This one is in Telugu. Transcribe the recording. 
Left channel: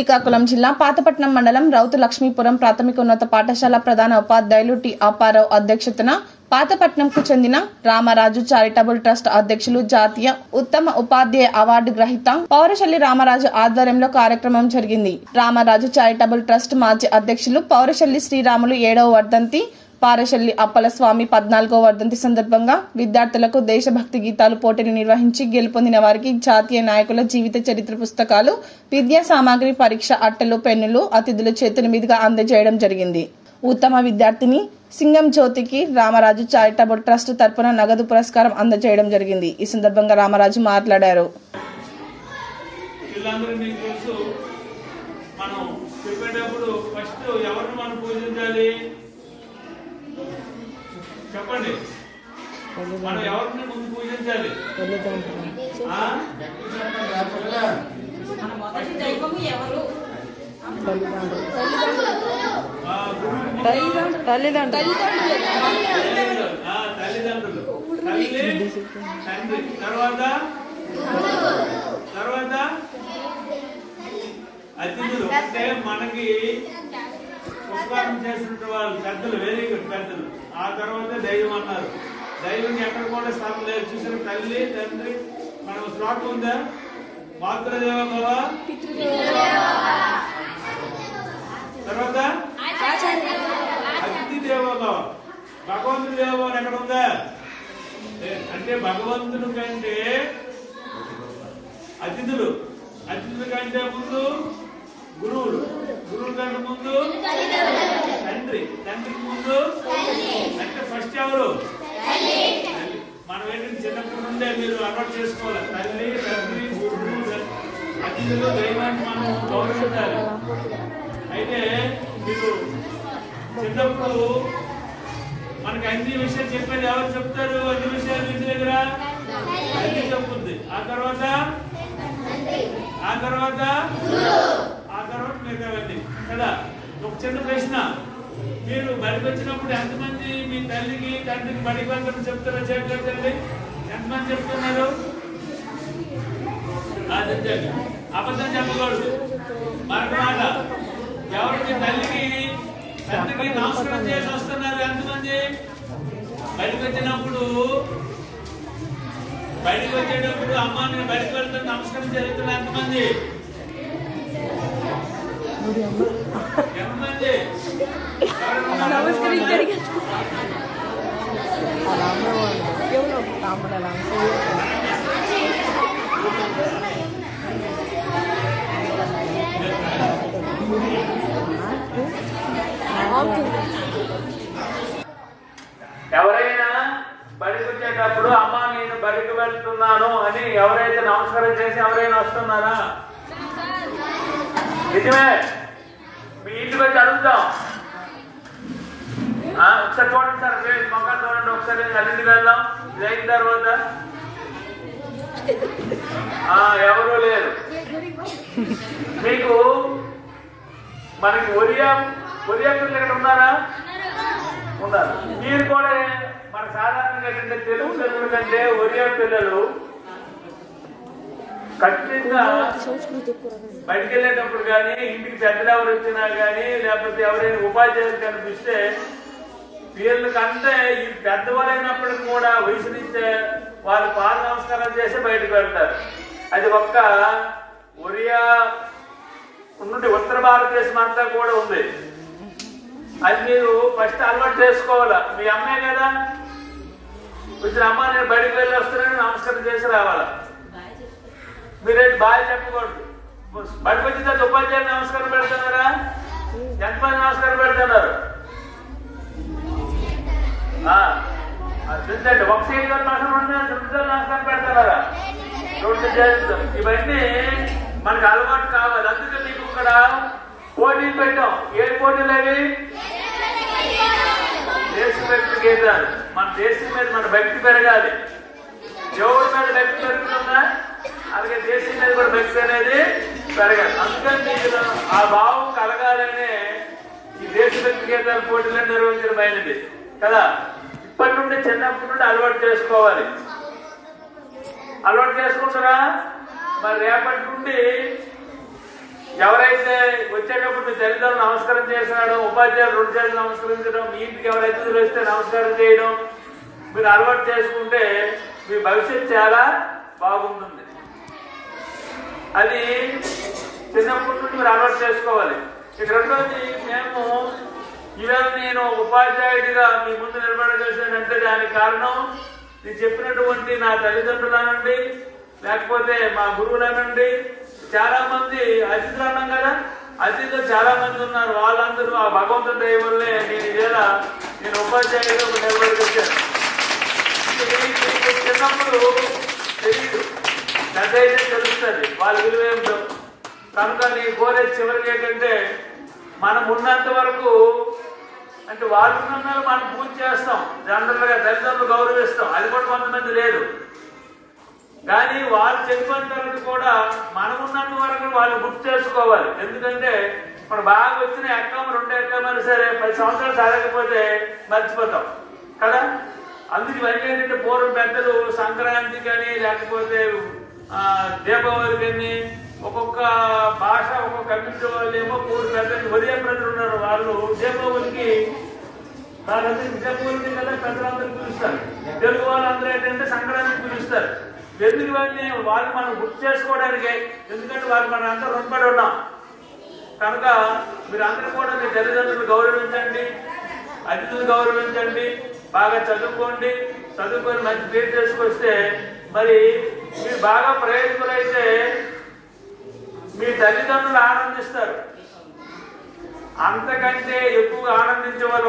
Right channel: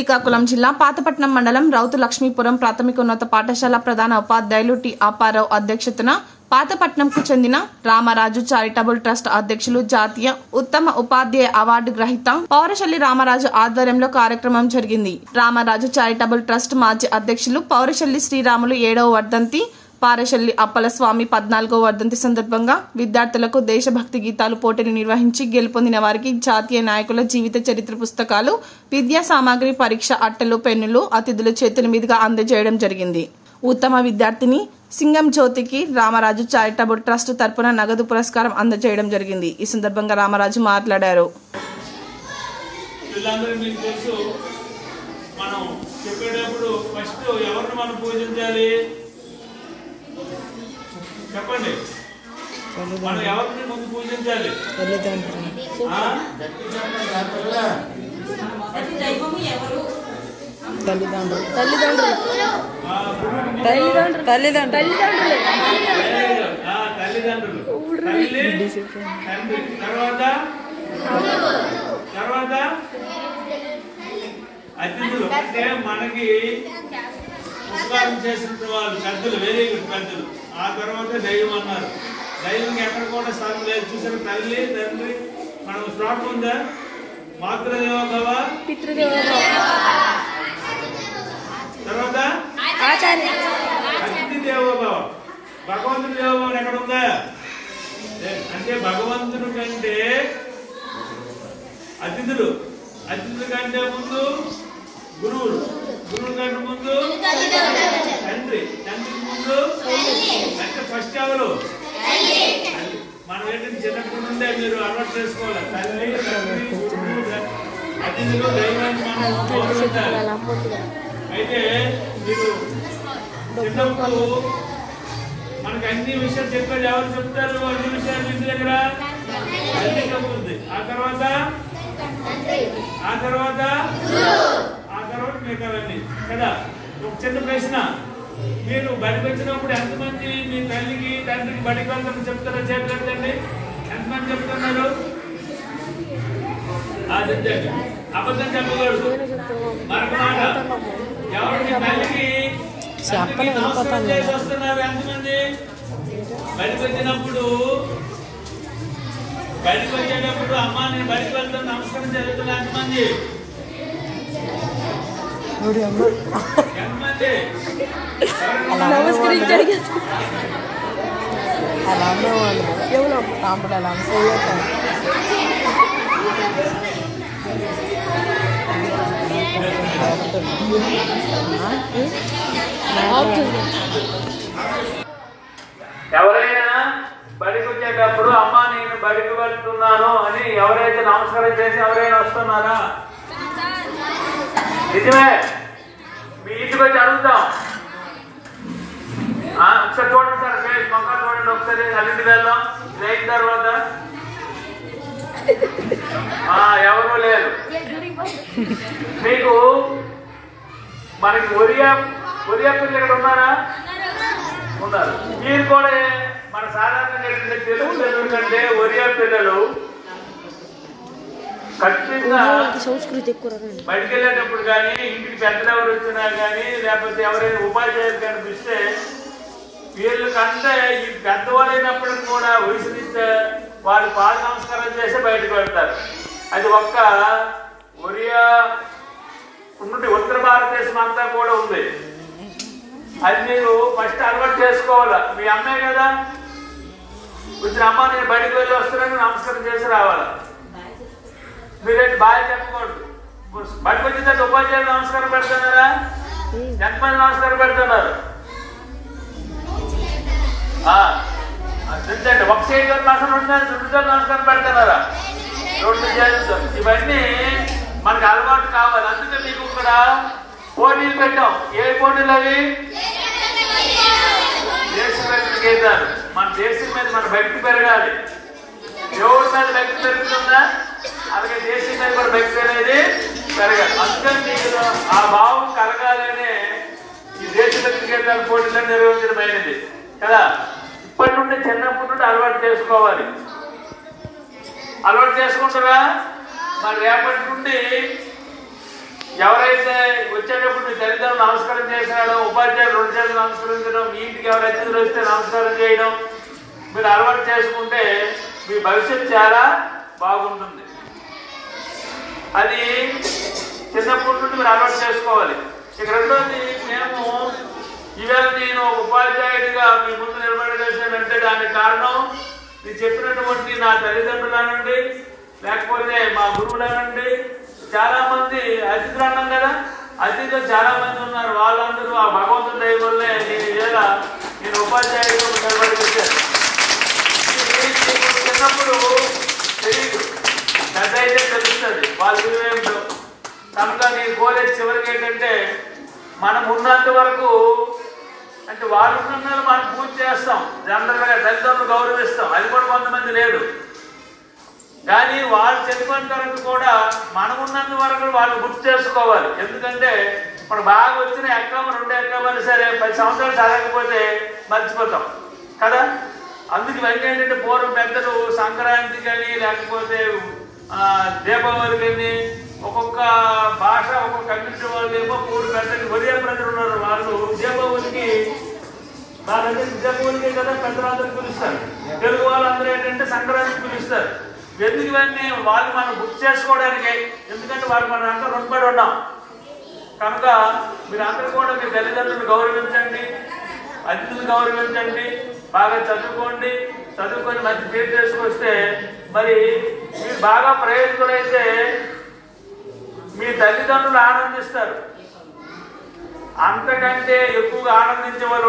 శ్రీకాకుళం జిల్లా పాతపట్నం మండలం రౌతు లక్ష్మీపురం ప్రాథమికోన్నత పాఠశాల ప్రధాన ఉపాధ్యాయులు టి అప్పారావు అధ్యక్షతన పాతపట్నంకు చెందిన రామరాజు చారిటబుల్ ట్రస్ట్ అధ్యక్షులు జాతీయ ఉత్తమ ఉపాధ్యాయ అవార్డు గ్రహీత పౌరశల్లి రామరాజు ఆధ్వర్యంలో కార్యక్రమం జరిగింది. రామరాజు చారిటబుల్ ట్రస్ట్ మాజీ అధ్యక్షులు పౌరశల్లి శ్రీరాములు 7వ వర్ధంతి, పారశల్లి అప్పలస్వామి 14వ వర్ధంతి సందర్భంగా విద్యార్థులకు దేశభక్తి గీతాలు పోటీలు నిర్వహించి గెలుపొందిన వారికి జాతీయ నాయకుల జీవిత చరిత్ర పుస్తకాలు, విద్యా సామాగ్రి, పరీక్ష అట్టలు, పెన్నులు అతిథుల చేతుల మీదుగా అందజేయడం జరిగింది. ఉత్తమ విద్యార్థిని సింగం జ్యోతికి రామరాజు చారిటబుల్ ట్రస్ట్ తరపున నగదు పురస్కారం అందజేయడం జరిగింది. ఈ సందర్భంగా రామరాజు మాట్లాడారు. చెప్పండి, మనం ఎవరిని ముందు పూజించాలి? తల్లిదండ్రులు తల్లి, తండ్రి, తర్వాత అతిథులు. అంటే మనకి ఉపకారం చేసిన వాళ్ళు పెద్దలు, వెరీ గుడ్ పెద్దలు. ఆ తర్వాత దైవం అన్నారు. దైవం ఎక్కడ కూడా స్థానం లేదు. చూసిన తల్లి, తండ్రి, మనం శ్లోకం ఉందా? మాతృదేవ భవ, తర్వాత అతిథి దేవో భవ. భగవంతుడి దేవభావం ఎక్కడ ఉందా? అంటే భగవంతుడి కంటే అతిథులు, అతిథుల కంటే ముందు గురువులు, గురువుల కంటే ముందు తండ్రి, తండ్రికి ముందు అంటే ఫస్ట్ ఎవరు? మనం ఏంటంటే చిన్నప్పటి నుండే మీరు అలవాటు చేసుకోవాలి. తల్లి, తండ్రి, గురువు, అతిథులు, దైవాన్ని మనం గౌరవించాలి. అయితే మీరు చిన్నప్పుడు మనకి అన్ని విషయాలు చెప్పేది ఎవరు చెప్తారు? అన్ని విషయాలు ఇంటి దగ్గర తల్లి చెప్పుద్ది. ఆ తర్వాత మిగతావన్నీ కదా. ఒక చిన్న ప్రశ్న, మీరు బడికి వచ్చినప్పుడు ఎంతమంది మీ తల్లికి, తండ్రికి బడికి వెళ్తారని చెప్తారో చేతులు ఎత్తండి. ఎంతమంది చెప్తున్నారు? అబద్ధం చెప్పకూడదు. మరొక మాట, ఎవరికి తల్లికి తండ్రికి నమస్కారం చేసి వస్తున్నారు ఎంతమంది? బడికి వచ్చేటప్పుడు అమ్మ నేను బడికి వెళ్తాను నమస్కారం జరుగుతున్నా ఎంతమంది? ఎంతమంది? ఎవరైనా బడికి వచ్చేటప్పుడు అమ్మ నేను బడికి వెళ్తున్నాను అని ఎవరైతే నమస్కారం చేసి ఎవరైనా వస్తున్నారా? నిజమే. మీ ఇంటికి వచ్చి అడుగుతాం. ఒకసారి చూడండి సార్, మొక్కలు చూడండి ఒకసారి. అల్లింటికి వెళ్దాం. ఇది అయిన తర్వాత ఎవరూ లేరు. మీకు మనకి ఒరియా పిల్లలు ఇక్కడ ఉన్నారా? ఉన్నారు. మీరు కూడా మన సాధారణంగా తెలుగు పిల్లల కంటే ఒరియా పిల్లలు ఖచ్చితంగా బయటికి వెళ్ళేటప్పుడు కానీ, ఇంటికి పెద్దలు ఎవరు వచ్చినా కానీ, లేకపోతే ఎవరైనా ఉపాధ్యాయులు కనిపిస్తే వీళ్ళకంటే ఈ పెద్దవాళ్ళు అయినప్పటికి కూడా వయసునిచ్చే వాళ్ళు పాద నమస్కారాలు చేసి బయటకు వెళ్తారు. అది ఒక్క ఒరియా ఉన్నట్టు ఉత్తర భారతదేశం అంతా కూడా ఉంది. అది మీరు ఫస్ట్ అలవాటు చేసుకోవాలా. మీ అమ్మాయి కదా, వచ్చిన అమ్మ నేను బయటకు వెళ్ళి వస్తున్నాను నమస్కారం చేసి రావాలా. మీరేంటి బాగా చెప్పకూడదు. బయటకు వచ్చిన తర్వాత ఉపాధ్యాయులు నమస్కారం పెడుతున్నారా? ఎంతమంది నమస్కారం పెడుతున్నారు? ఒక సైడ్ నమస్కారం పెడుతున్నారా? 2 చేతులు. ఇవన్నీ మనకు అలవాటు కావాలి. అందుకే మీకు ఇక్కడ పోటీలు పెట్టాం. ఏ పోటీలు అవి? దేశభక్తి గీతాలు. మన దేశం మీద మన భక్తి పెరగాలి. దేవుడి మీద భక్తి పెరుగుతుందా? అలాగే దేశం మీద కూడా భక్తి అనేది పెరగాలి. అందుకని మీకు ఆ భావం కలగాలనే ఈ దేశభక్తి గీతాల పోటీలను నిర్వహించడమైనది కదా. ఇప్పటి నుండి చిన్నప్పటి నుండి అలవాటు చేసుకోవాలి. అలవాటు చేసుకుంటారా? మరి రేపటి నుండి ఎవరైతే వచ్చేటప్పుడు మీ తల్లిదండ్రులు నమస్కారం చేసినాడో, ఉపాధ్యాయులు 2 చేతులు నమస్కరించడం, మీ ఇంటికి ఎవరైతే అతిథులు వస్తే నమస్కారం చేయడం మీరు అలవాటు చేసుకుంటే మీ భవిష్యత్తు చాలా బాగుంటుంది. అది చిన్నప్పటి నుండి మీరు అలవాటు చేసుకోవాలి. ఇక రెండోది, ఈవేళ నేను ఉపాధ్యాయుడిగా మీ ముందు నిలబడగలిసానంటే దానికి కారణం నేను చెప్పినటువంటి నా తల్లిదండ్రులనండి, లేకపోతే మా గురువులనండి, చాలా మంది అతిథులు అన్నాం కదా, అతిథులు చాలా మంది ఉన్నారు. వాళ్ళందరూ ఆ భగవంతుడి దయ వల్లే నేను ఉపాధ్యాయుడిగా నిలబడగలిగాను. చిన్నప్పుడు తెలియదు, పెద్ద అయితే తెలుస్తుంది వాళ్ళ విలువ ఏమిటో. కనుక నేను కోరేది చివరికి ఏంటంటే, మనం ఉన్నంత వరకు అంటే వాళ్ళు ఉన్నందుకు మనం పూజ చేస్తాం, జనరల్గా తల్లిదండ్రులు గౌరవిస్తాం, అది కూడా కొంతమంది లేదు. కానీ వాళ్ళు చనిపోయిన తర్వాత కూడా మనం ఉన్నంత వరకు వాళ్ళు గుర్తు చేసుకోవాలి. ఎందుకంటే మనం బాగా వచ్చిన ఎక్కమ 2 ఎక్కమని సరే 10 సంవత్సరాలు చదవకపోతే మర్చిపోతాం కదా. అందుకు ఇవన్నీ ఏంటంటే పూర్వం పెద్దలు సంక్రాంతి కానీ లేకపోతే దీపావళి కానీ ఒక్కొక్క భాష ఒక్కొక్క కమ్యూనిటీ వాళ్ళు ఏమో పెద్దలు ఒరియా ప్రజలు ఉన్నారు, వాళ్ళు దీపావళికి దీపావళికి కదా పెద్దలందరూ పిలుస్తారు. తెలుగు వాళ్ళందరూ ఏంటంటే సంక్రాంతికి పిలుస్తారు. ఎందుకు ఇవన్నీ వాళ్ళు మనం గుర్తు చేసుకోవడానికి, ఎందుకంటే వాళ్ళు మనం అంతా రుణపడి ఉన్నాం. కనుక మీరందరూ కూడా మీ తల్లిదండ్రులు గౌరవించండి, అతిథులు గౌరవించండి, బాగా చదువుకోండి, చదువుకొని మంచి పేరు చేసుకొస్తే మరి మీరు బాగా ప్రయోజకులైతే మీ తల్లిదండ్రులు ఆనందిస్తారు. అంతకంటే ఎక్కువగా ఆనందించే వాళ్ళు